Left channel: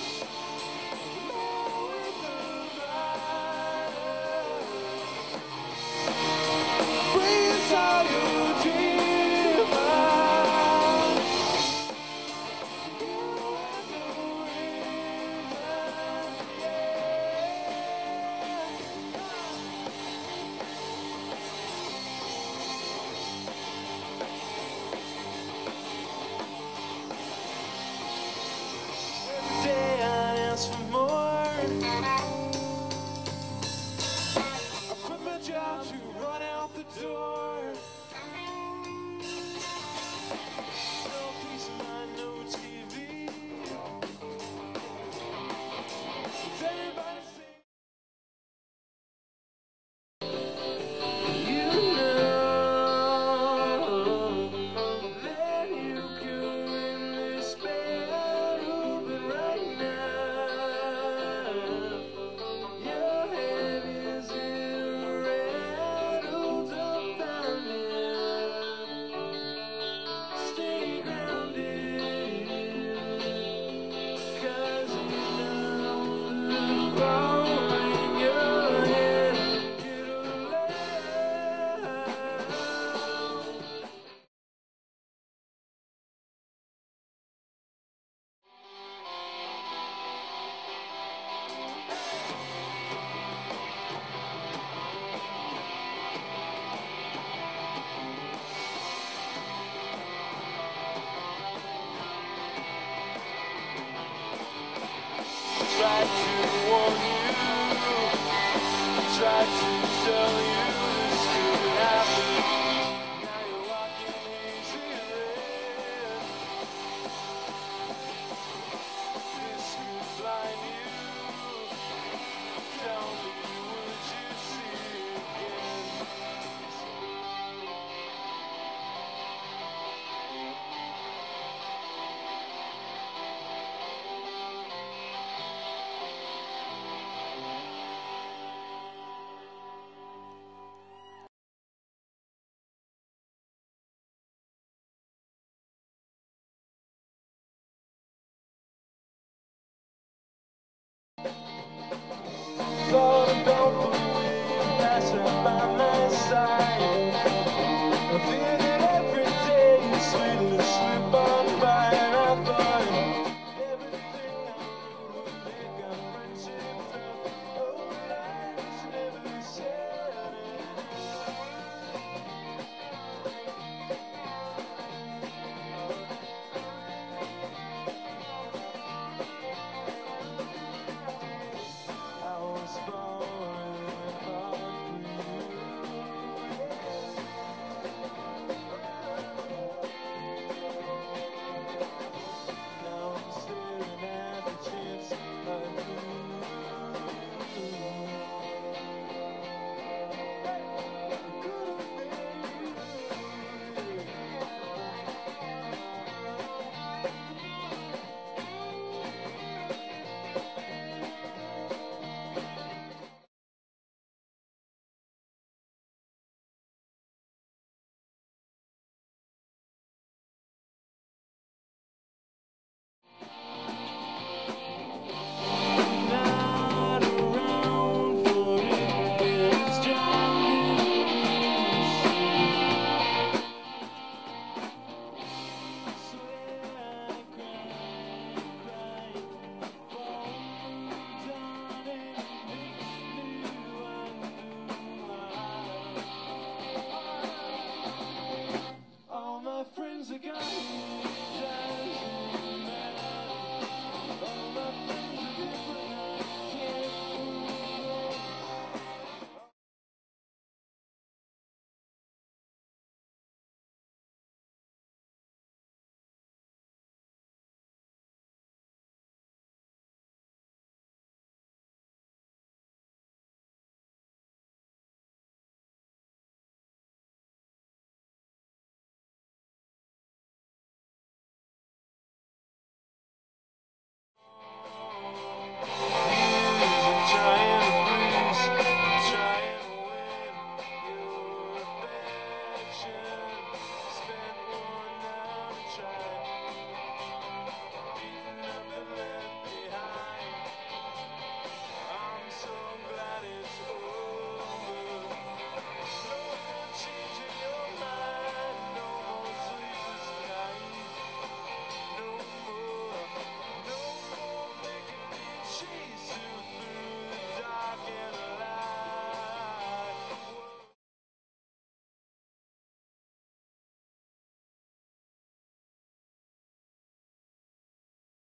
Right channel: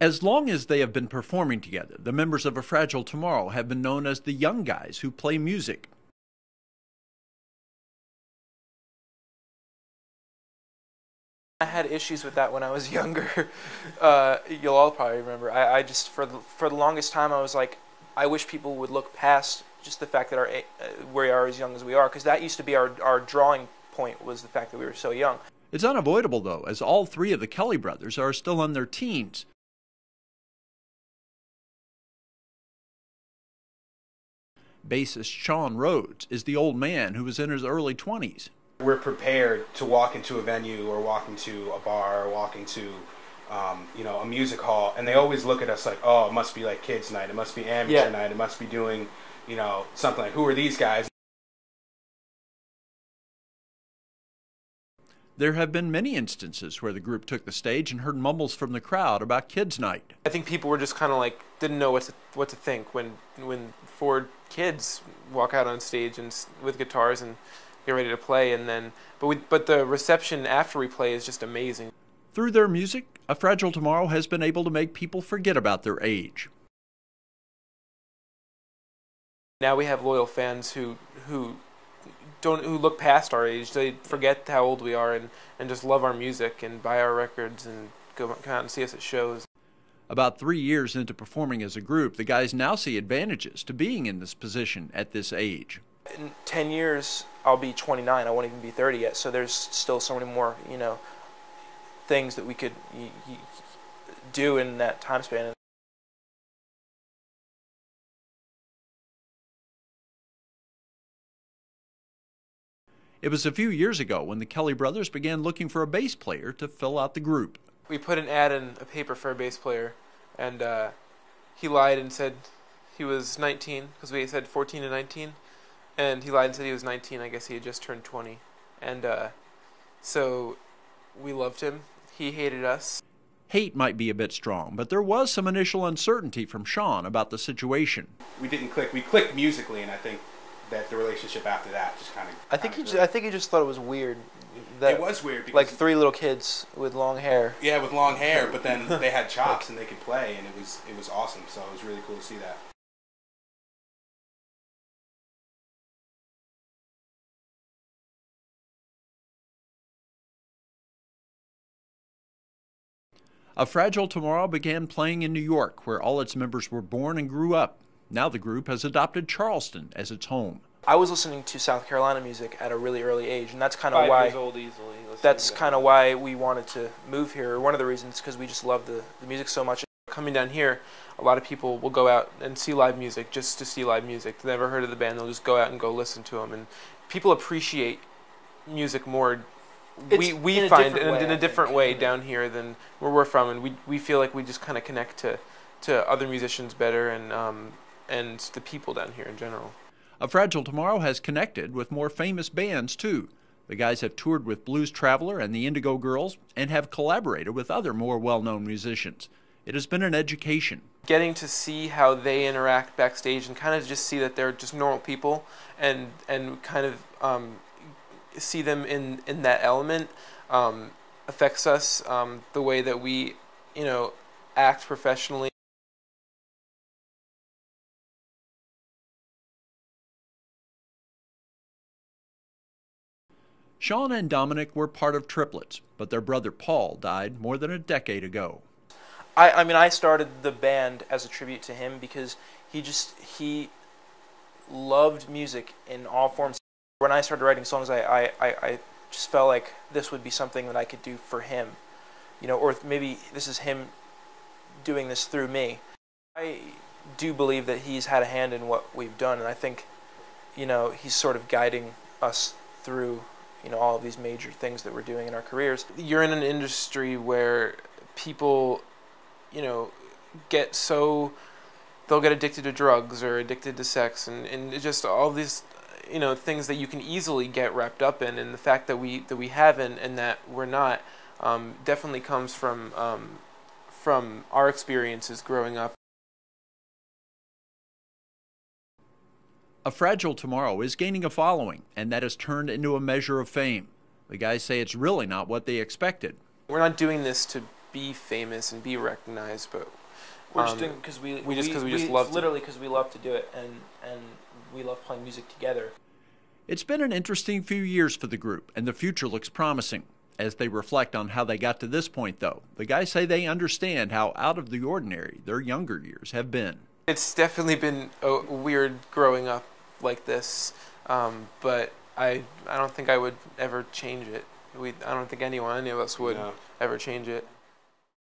As long as they have been performing together, the members of A Fragile Tomorrow have been known as the young guys who play music. I had issues with that when I was younger. You'll all probably remember. I just, for the longest time, I was like, I wish people would look past just the fact that we are as young as we are, because that used to be our drawing point, was the fact that we were so young. It's unavoidable, though, as all three of the Kelly brothers are still in their teens. Bassist Sean Rhodes is the old man who was in his early 20s. We're prepared to walk into a venue or walk into a bar or walk into a music hall, and they always look at us like, oh, it must be like kids night, it must be amateur night, it must be doing, something like, who are these guys? There have been many instances where the group took the stage and heard mumbles from the crowd about kids night. I think people were just kind of like, didn't know what to think when 4 kids walk out on stage and with guitars and get ready to play, and then but the reception after we play is just amazing. Through their music, A Fragile Tomorrow has been able to make people forget about their age. Now we have loyal fans who look past our age. They forget how old we are and just love our music and buy our records and come out and see us at shows. About 3 years into performing as a group, the guys now see advantages to being in this position at this age. In 10 years, I'll be 29. I won't even be 30 yet, so there's still so many more, things that we could do in that time span. It was a few years ago when the Kelly brothers began looking for a bass player to fill out the group. We put an ad in a paper for a bass player, and he lied and said he was 19, because we said 14 to 19, and he lied and said he was 19. I guess he had just turned 20, and so we loved him. He hated us. Hate might be a bit strong, but there was some initial uncertainty from Sean about the situation. We didn't click. We clicked musically, and I think that the relationship after that just kind of. I think he just thought it was weird. That, it was weird because like 3 little kids with long hair. Yeah, with long hair, but then they had chops and they could play, and it was awesome. So it was really cool to see A Fragile Tomorrow began playing in New York, where all its members were born and grew up. Now the group has adopted Charleston as its home. I was listening to South Carolina music at a really early age, and that's kind of why. That's kind of why we wanted to move here. One of the reasons, because we just love the music so much. Coming down here, a lot of people will go out and see live music just to see live music. They've never heard of the band, they'll just go out and go listen to them. And people appreciate music more. We find it in a different way down here than where we're from, and we feel like we just kind of connect to other musicians better and the people down here in general. A Fragile Tomorrow has connected with more famous bands too. The guys have toured with Blues Traveler and the Indigo Girls and have collaborated with other more well-known musicians. It has been an education. Getting to see how they interact backstage and kind of just see that they're just normal people and kind of see them in that element affects us, the way that we, act professionally. Sean and Dominic were part of triplets, but their brother Paul died more than a decade ago. I mean, I started the band as a tribute to him because he loved music in all forms. When I started writing songs, I just felt like this would be something that I could do for him, or maybe this is him doing this through me. I do believe that he's had a hand in what we've done, and I think, he's sort of guiding us through, all of these major things that we're doing in our careers. You're in an industry where people, they'll get addicted to drugs or addicted to sex and just all these, things that you can easily get wrapped up in, and the fact that we haven't and that we're not definitely comes from our experiences growing up. A Fragile Tomorrow is gaining a following, and that has turned into a measure of fame. The guys say it's really not what they expected, We're not doing this to be famous and be recognized, but we're just doing because we just love literally because we love to do it, and we love playing music together. It's been an interesting few years for the group, and the future looks promising. As they reflect on how they got to this point, though, the guys say they understand how out of the ordinary their younger years have been. It's definitely been weird growing up like this, but I don't think I would ever change it. I don't think any of us would ever change it.